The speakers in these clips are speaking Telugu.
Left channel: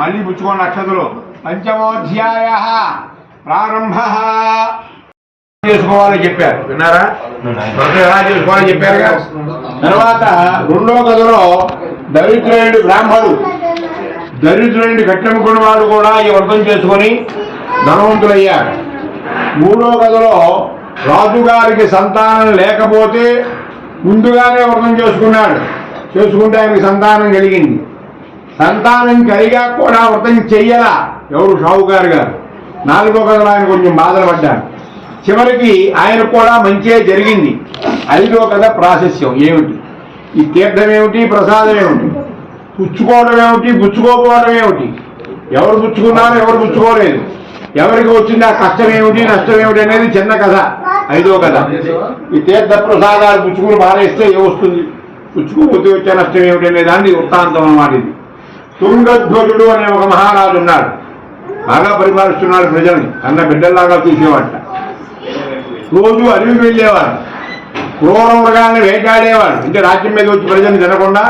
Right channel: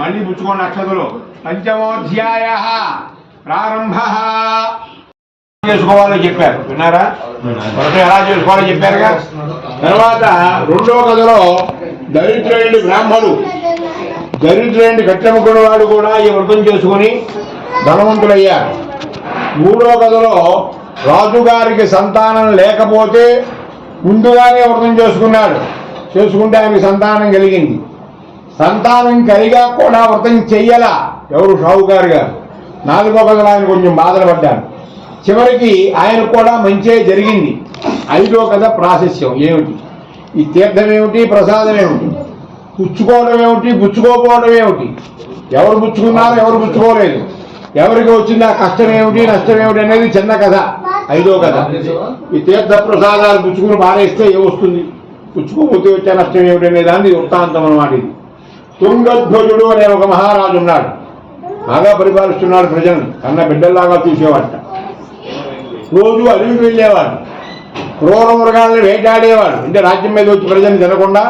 మళ్ళీ పుచ్చుకోండి అక్షతలు. పంచమోధ్యాయ ప్రారంభ చేసుకోవాలని చెప్పారు, విన్నారా? వ్రతం ఎలా చేసుకోవాలని చెప్పారుగా. తర్వాత రెండో కథలో దరిద్రుడి బ్రాహ్మడు, దరిద్రుడి కట్టెముకున్న వాడు కూడా ఈ వ్రతం చేసుకొని ధనవంతులయ్యారు. మూడో కథలో రాజుగారికి సంతానం లేకపోతే ముందుగానే వ్రతం చేసుకుంటే ఆయనకి సంతానం కలిగింది. సంతానం కలిగా కూడా వ్రతం చెయ్యలా ఎవరు? షావుకారు గారు. నాలుగో కథలో ఆయన కొంచెం బాధలు పడ్డారు. చివరికి ఆయనకు కూడా మంచే జరిగింది. ఐదో కథ ప్రాశస్యం ఏమిటి? ఈ తీర్థం ఏమిటి, ప్రసాదం ఏమిటి, పుచ్చుకోవడం ఏమిటి, పుచ్చుకోకపోవడం ఏమిటి, ఎవరు పుచ్చుకున్నారు, ఎవరు పుచ్చుకోలేదు, ఎవరికి వచ్చింది ఆ కష్టం ఏమిటి, నష్టం ఏమిటి అనేది చిన్న కథ. ఐదో కథ ఈ తీర్థ ప్రసాదాలు పుచ్చుకుని పారేస్తే ఏమొస్తుంది, పుచ్చుకోకపోతే వచ్చే నష్టం ఏమిటి అనే దాన్ని వృత్తాంతం అన్నమాట. ఇది తుంగధ్వజుడు అనే ఒక మహారాజు ఉన్నాడు. బాగా పరిపాలిస్తున్నాడు ప్రజల్ని, కన్న బిడ్డల్లాగా చూసేవాట. రోజు అడవికి వెళ్ళేవాడు, క్రూర మృగాల్ని వేటాడేవాడు. అంటే రాజ్యం మీద వచ్చి ప్రజల్ని తినకుండా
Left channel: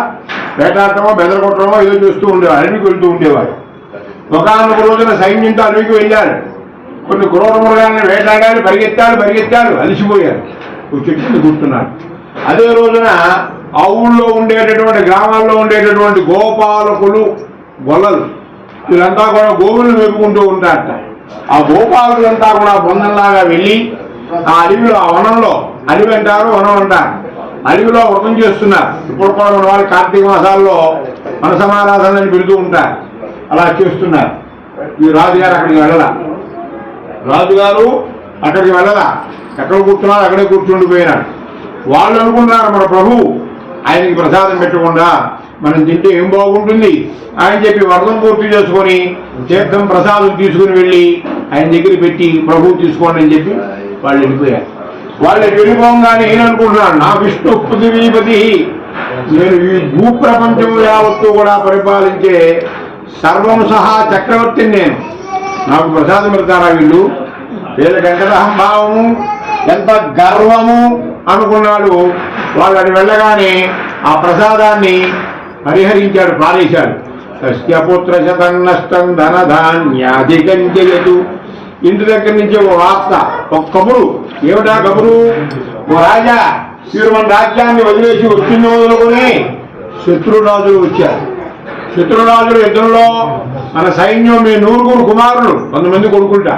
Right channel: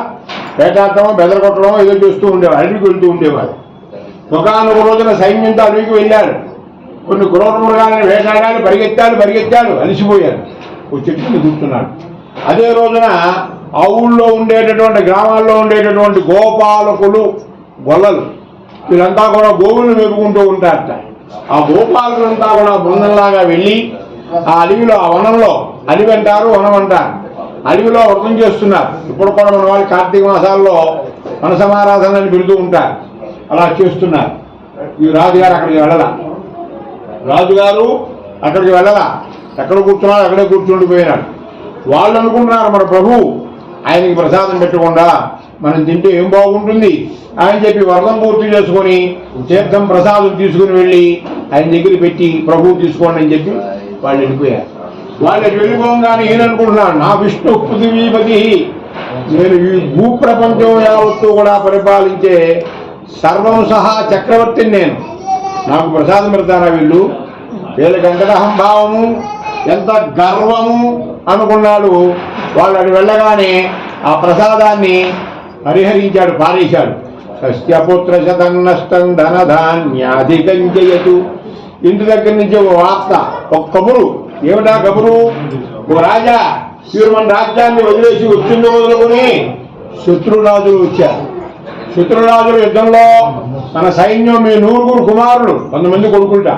వేటాడటమో బెదరగొట్టడమో ఏదో చేస్తూ ఉండేవాడు, అడవికి వెళ్తూ ఉండేవాడు. ఒకనొక రోజున సైన్యంతో అడవికి వెళ్ళాడు. కొన్ని క్రూర మృగాల్ని వేటాడాడు, పరిగెత్తాడు, అలిసిపోయాడు. ఒక చెట్టు మీద కూర్చున్నాడు. అదే రోజున ఆ ఊళ్ళో ఉండేటటువంటి గ్రామాల్లో ఉండేటటువంటి గోపాలకులు, గొల్లలు, వీళ్ళంతా కూడా గోవులను మేపుకుంటూ ఉంటారట. ఆ గోపాలకులంతా కూడా బృందంలాగా వెళ్ళి ఆ అడవిలో, ఆ వనంలో, అడవి అంటారు, వనం అంటారు, అడవిలో వ్రతం చేస్తున్నారు. ఇప్పుడు కూడా మన వాళ్ళు కార్తీక మాసాల్లో మన సమారాధనని పెడుతూ ఉంటారు. అలా చేస్తున్నారు. ఈ రాజుగారు అక్కడికి వెళ్ళలా. ఎక్కడ కూర్చున్నారు అక్కడే కూర్చుండిపోయినాడు. వాళ్ళు అనుకున్నారు మన ప్రభు ఆయనకి ప్రసాదం పెట్టకుండా మనం తింటే ఏం బాగుంటుంది అని చెప్పి వ్రతం పూర్తి చేసుకొని తీర్థం ప్రసాదం తీసుకుని వెళ్ళి ఆయన దగ్గర పెట్టి ప్రభు తీసుకోండి అని చెప్పి వాళ్ళు వెళ్ళిపోయారు. వాళ్ళు వెళ్ళిపోగానే ఈయన అనుకుంటున్నాడు, నా విష్ణు పృథివీపతి, నేను ఈ భూప్రపంచం యావత్తు కూడా పరిపాలించే సర్వము సహా చక్రవర్తిని, నేను నాకు ప్రసాదం పెడతారా వీళ్ళు? వీళ్ళకంటే అహంభావము, ఎంత గర్వము అనుకున్నాడు. వాళ్ళు అటు వెళ్ళగానే ఆ ప్రసాదాన్ని పరిహరించాడు, పారేశాడు. సస్యపుత్ర శతన్నష్టం ధనధాన్యాధికం చేయతు. ఇంటి దగ్గర నుంచి ఒక వార్త, ఒక కబురు. ఏమిటా కబురు? ఓ రాజా, మీరు మన రాజ్యాన్ని వదిలేసి వచ్చింది మొదలుకొని శత్రురాజులు వచ్చారు. శత్రురాజుల యుద్ధంలో మన సైన్యం మీ 100 కుమారులు, 100 మంది కొడుకుంటా,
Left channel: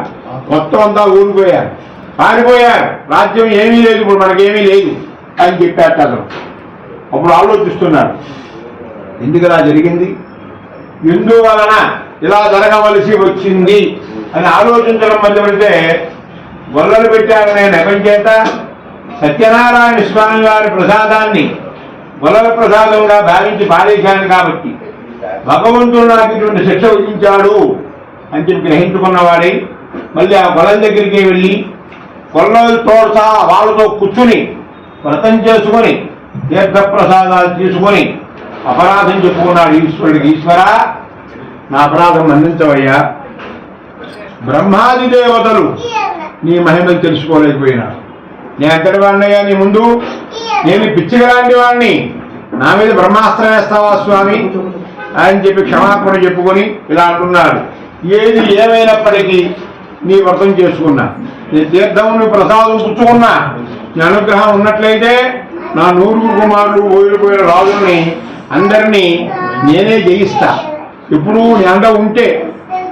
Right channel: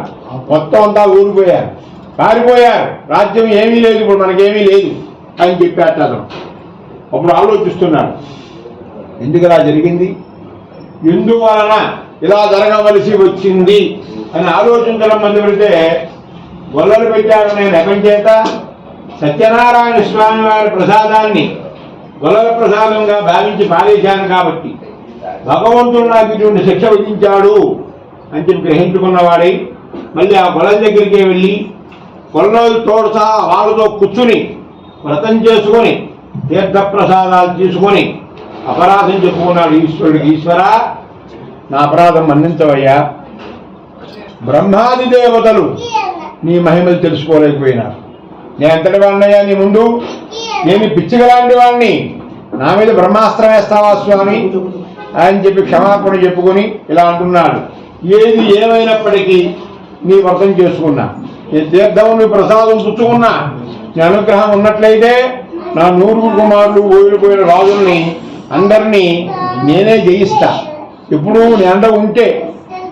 మొత్తం అంతా ఊరిపోయారు, పారిపోయారు. రాజ్యం ఏమీ లేదు, ఇప్పుడు మనకేమీ లేదు అని చెప్పాట అతను. అప్పుడు ఆలోచిస్తున్నాడు, ఎందుకలా జరిగింది, ఎందువలన ఇలా జరగవలసి వచ్చింది అని ఆలోచించడం మొదలు పెడితే, గొల్లలు పెట్టారనే నెపం చేత సత్యనారాయణ స్వామి వారి ప్రసాదాన్ని గొల్లల ప్రసాదంగా భావించి పారేశాను కాబట్టి భగవంతుడు నాకు ఇటువంటి శిక్ష విధించాడు అని చెప్పి గ్రహించుకున్నవాడై మళ్ళీ ఆ గొల్ల దగ్గరికి వెళ్ళి గొల్లలతో సహా వాళ్ళతో కూర్చుని వ్రతం చేసుకొని తీర్థప్రసాదాలు తీసుకొని అపరాధం చెప్పుకున్నాడు ఈశ్వరుడికి. ఈశ్వర, నా అపరాధం మన్నించవయ్యా. బ్రహ్మాది దేవతలు నీ మహిమలు తెలుసుకోలేకపోయినారు. నేను ఎంతటి వాడినయ్యా నీ ముందు? నేను పిచ్చిగలాంటి వాడిని, నా మీద బ్రహ్మాస్త్రం వేస్తావా స్వామి అని చెప్పి క్షమాపణ చెప్పుకొని ఇలా అంటున్నాడు, ఏది ఏమైనప్పటికీ నీ వ్రతం చేసుకున్నా, నీ తీర్థము నీ ప్రసాదం పుచ్చుకున్నా, నీ అనుగ్రహం ఉన్నట్లయితే నా 100 కుమారులు ఓడిపోయిన రాజుల్ని అందరినీ నేనే జయిస్తా. ఎప్పుడు నీ అండ ఉంటే,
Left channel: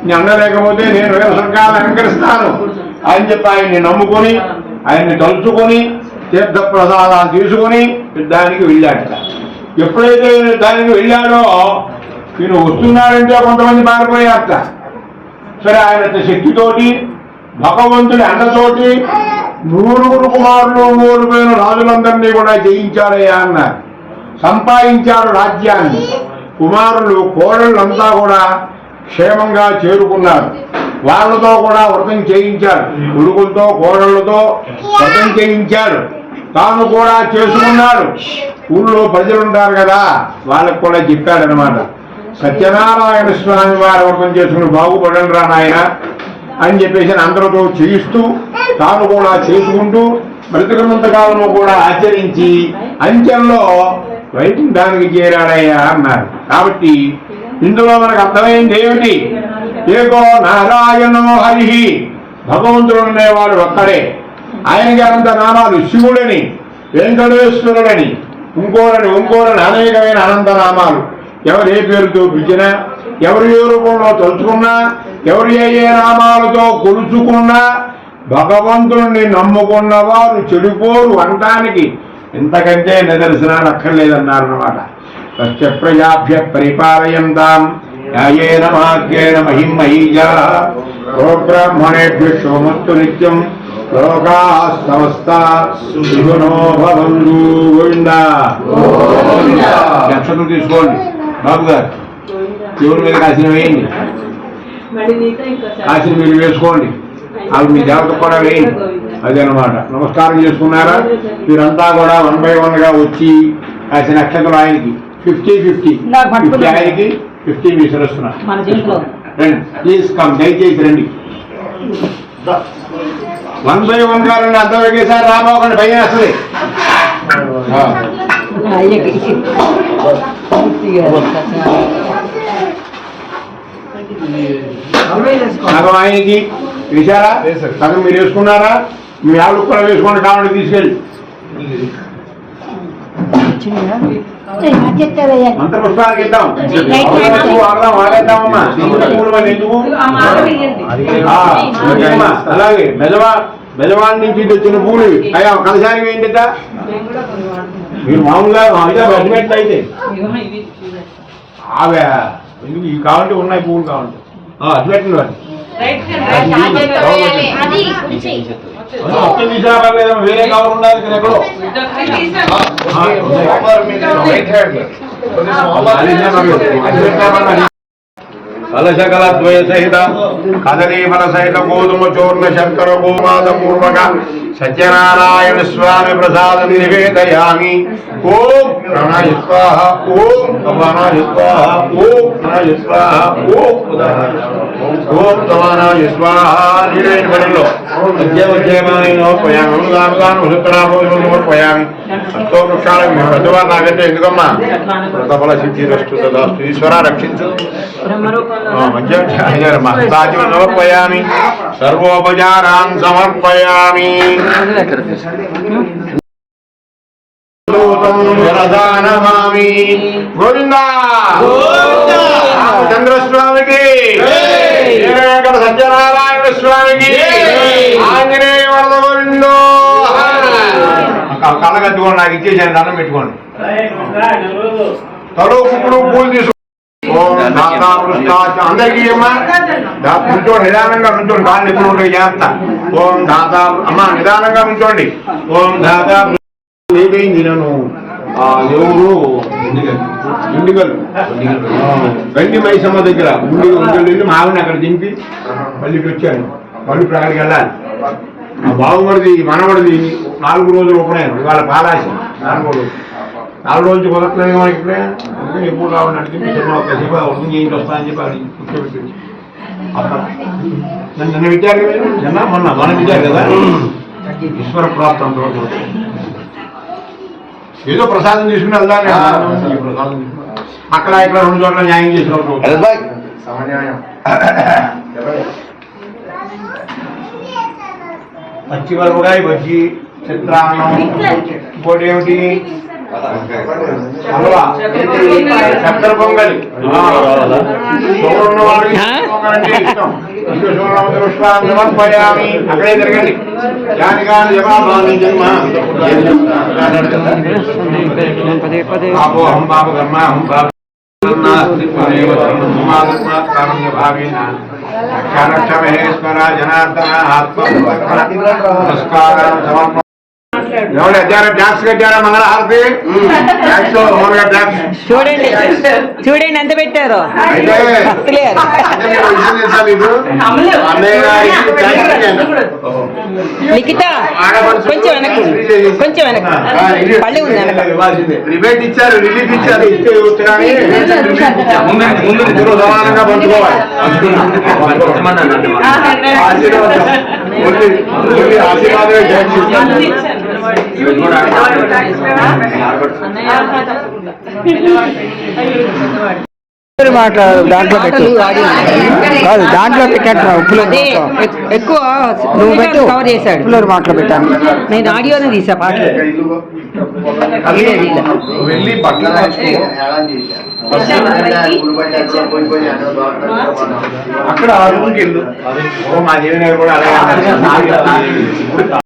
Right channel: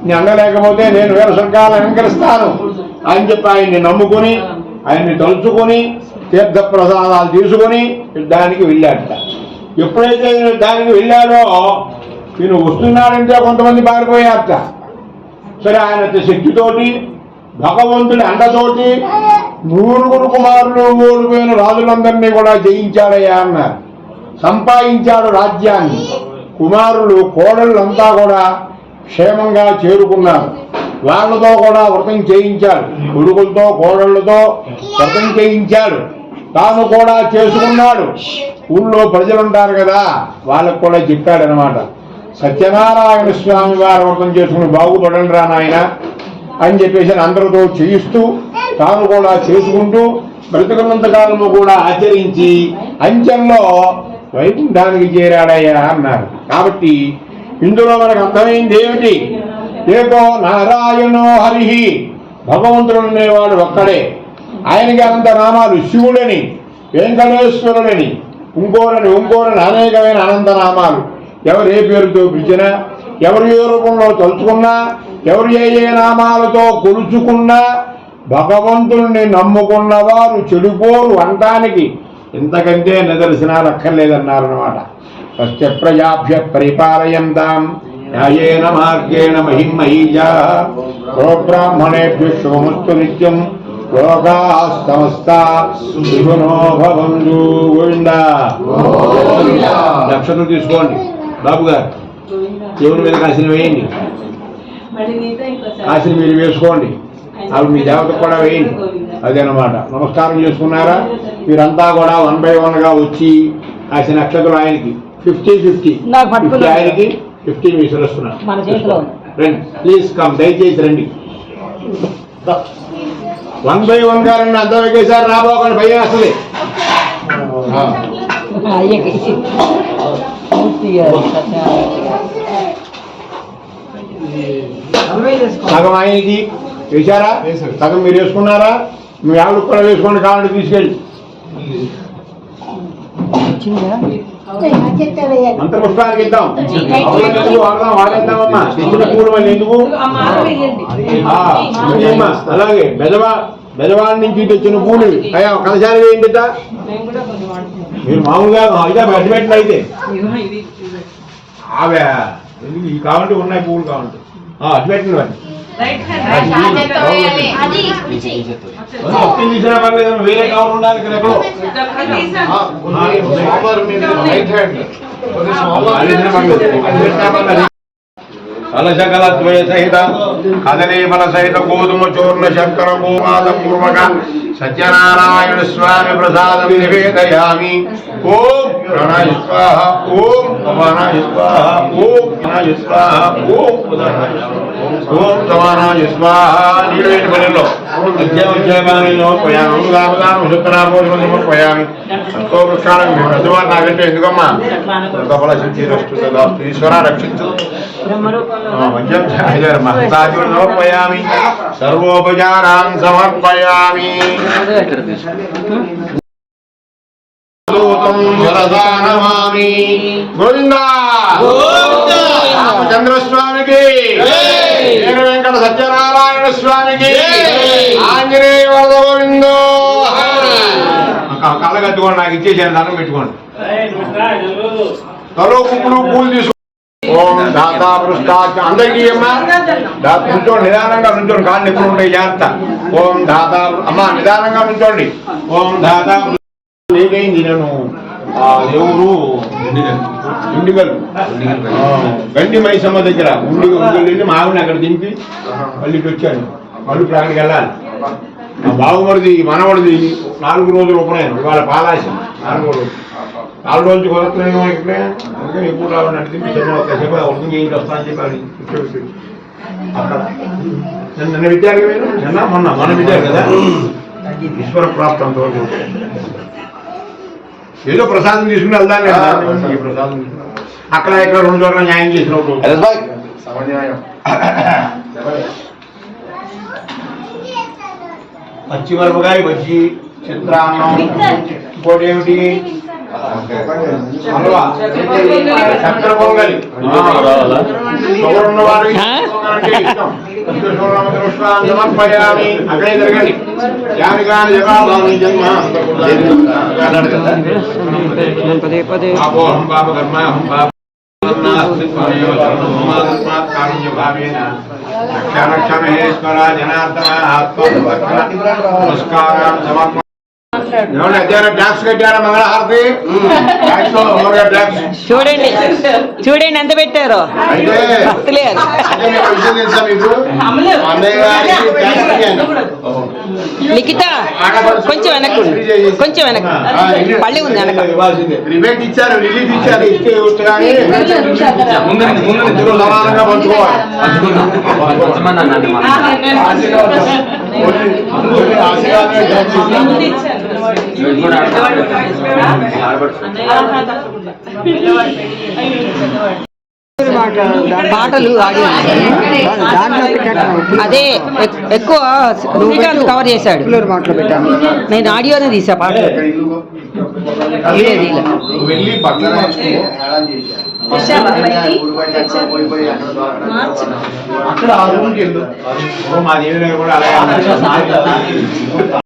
నీ అండ లేకపోతే నేను వేరే స్వర్గాలను అలంకరిస్తాను అని చెప్పి ఆయన్ని నమ్ముకొని, ఆయన్ని తలుచుకొని తీర్థ ప్రసాదాలు తీసుకొని యుద్ధానికి వెళ్ళాడట. ఎప్పుడైతే యుద్ధానికి వెళ్ళాడో ఈయన వస్తున్నాడంటే కొంతమంది పారిపోయారట. సరే, ఆయన శక్తితోటి, భగవంతుడి అండతోటి 100 కుమారులు ఓడిపోయిన రాజులందరినీ కూడా జయించారయ్యా అన్నారు. సంపాదించారు రాజ్యాన్ని. కుమారులు, కోడళ్ళంతా కూడా క్షేమంగా చేరుకున్నారు. వాళ్ళతో కూడా వ్రతం చేయించాడు, కొడుకులతో కోడళ్లతో వ్రతం చేయించాడు. తాను కూడా చేసుకున్నాడు. ఊళ్ళో ప్రజలుంటారు కదా, వాళ్ళకు కూడా చెప్పాడనమాట, సత్యనారాయణ స్వామి వారి వ్రతం చేసుకుని బాగుపడండి రా నాయన అని చెప్పేసి అందరితో చేయిస్తూ తాను కూడా చేసుకుంటూ బ్రతికున్నంతకాలము కూడా ఆచరించి అంచెల్లో వైకుంఠానికి చేరాడయ్యా అన్నారు. కాబట్టి ఇందులో మనకు అర్థమైంది ఏమిటి? ఏకో నారాయణో హరి, భగవంతుడు అనేవాడు ఒక్కడే. ఆయనకి అనంత నామాలు, శివుడని, వెంకటేశ్వరుడని, ఇంకోరని అనేకమైన అనంత నామాలు. ఎవరు ఏ పేరుతో పిలిచినా, ఎవరు ఏ రూపంలో తలుచుకున్నా, ఎవరు ఏ నామాలతో కొలుచుకున్నా భగవంతుడిని నమ్ముకున్న వారు చెడిపోరు అనటానికి ఇంతకంటే నిదర్శనాలు అక్కర్లేదన్నారన్నమాట. తస్య ప్రజాభ్య పరిపాలయంతాం న్యాయేన మార్గేణ మహిమహీజా గోబ్రాహ్మణేభ్యో శుభమస్తు నిత్యం లోకాః సమస్తాః సుఖినో భవంతు. గోవిందా. అక్షతలు తీసుకోండి బాబు గారు, దేవుడి మీద కాసిన వేయండి, కాసిన మీరు వేసుకోండి, అవి మీ దేవత కూడా వేయండి. అదనమాట. నమస్కారం చేసుకున్నారా? మీరంతా కూడా 1 by 1గా వచ్చి కాసిన అక్షతలు ఆయనకి 50-50 ఆయనకి 50 మీ సరస్తున్నారు. రండి, ప్లీజ్ కమ్, దయచేసి రండి. 1 by 1గా రండి, అంతా ఒకేసారి రాబోకండి, భయం అసలే. సగం ఆయనకి వేశారా? సగం మీరు వేసుకున్నారా? మీ ఆళ్ళు కూడా వేసుకోండి, కావాలంటే తీసుకెళ్ళి మంత్రపుష్పానికి ఇద్దాం. వాడదాం, వాడేద్దామమ్మా. తెచ్చిన పూలు మళ్ళీ ఎందుకు? అలాగే బెజవాడ నుంచి తెచ్చిన పూలు అయ్యా కలశానికి వేయండి. మీరు మామూలుగా బెడ్ పెట్టిన అయితే అవే ఎందుకు ఇవి కావాలంటే ఉన్నాయి, పూలు కావాలంటే అటు పెట్టండి. వాడిని పర్లేదు, వేరే కవర్ ఉండాలి కదా ఎక్కడో. ఫలశకల ద్వయ సహిత కదలీ ఫల సహిత గోధుమ చూర్ణ శంకర గోమాత పూర్వక సత్యనారాయణ స్వామి ప్రసాదం నివేదయామి. ఓం ప్రాణాయ స్వాహ, ఓం అపానాయ స్వాహ, ఓం ప్రాణాయ స్వాహ, ఓం ఓం సమానాయ స్వాహ. నీళ్ళలో సమర్పయామి. అస్తో వృక్షాలకు మేము పెద్దవారు నాకంటే ఎందుకమ్మా? ఫల సిద్ధిరస్తు తదాస్తు. ఈశ్వర రక్షించు. సమర్పయామి. సర్వోపచారాన్ సమర్పయామి. గోవిందా. రామచంద్రస్వామికి, వెంకట సత్యనారాయణ స్వామికి, ఆంజనేయ వరద గోవిందో. కళ్ళ కట్టుకోండి, నాకు ఇచ్చేసాను, దండం పెట్టుకోండి. తలో కుప్పుడు పూలు తీసుకోండి. ఓం దాతా పృష్టాచ. అందరికీ అమ్మా నుంచోండి, నిదానంగా నుంచోండి, కాళ్ళు ఎప్పుడు ఉంటాయి జాగ్రత్త. ఓం దాతా అమ్మా నిదానంగా నుంచోండి. ఓం దాతా ఏదైంది నేను ఎవరు ఉండిగల్ గండి మైసమ్మ దగ్గర ఉండి మా ఆవిడని అక్కడ దింపి మళ్ళీ ఇటు వచ్చాను. మళ్ళీ ఇప్పుడు అక్కడికి వెళ్ళాలి. మా బావమడిది మనవడిది 4 రోజులు ఉపనయనం. ఇవాళ పాలాశం 4 రోజులు. 4 రోజులు కుదరట్లేదు మనకి ఇప్పుడే. అందుకని ఎప్పుడు రావడం దింపి చెప్పడం ఒకసేపు వృద్ధం చేయించి వస్తానని చెప్పి అది కూర్చోబెట్టి అక్కడ నిన్న విద్యార్థి నిన్న మొన్న మన విద్యార్థి కదా ఈశ్వర ప్రాప్తం అంతవరకు ఏదో ప్రసాదం తీసుకుని వెళ్దాం. ఈ ప్రసాదం అక్కడ ఇక్కడ 2 చోట్ల న్యాయం చేసినప్పుడు పచ్చి మిరపకాయ బజ్జి, చిత్రాన్నం, ఇంకోటి ఏమిటి హల్వా, చక్కెర పొంగలి. ఉన్న వారికి అక్కడే జరగండి. పాపోహం పాప కర్మాహం పాప మహేశ్వర జనార్దన ఆత్మ నమస్కారం సమర్పణ. ట్యాక్స్ కట్టారా? మంగళహారతి చూడండి, చూడండి ఎంత పెట్టారో. లిఖిత కొంచెం వెనక్కు, కొంచెం వెనక్కు, పళ్ళి ఉంది వెనక. రిబేట్ ఇచ్చారు, రిలీఫ్ ఇచ్చారు. ముందు సమానంగా పంచుకోవాలి. ఆశీర్వాదం పాటలు ఆడియో అదే ఎక్కువ శ్రీకాంత్ కవర్ చేశాడు. మాటలు పెట్టాను. నేను ఆడియోనే తీసా పాటలు. వెళ్ళి అక్కడ ఆ రూమ్కి వెళ్ళు. మా దేవి గారు కూడా అలాగే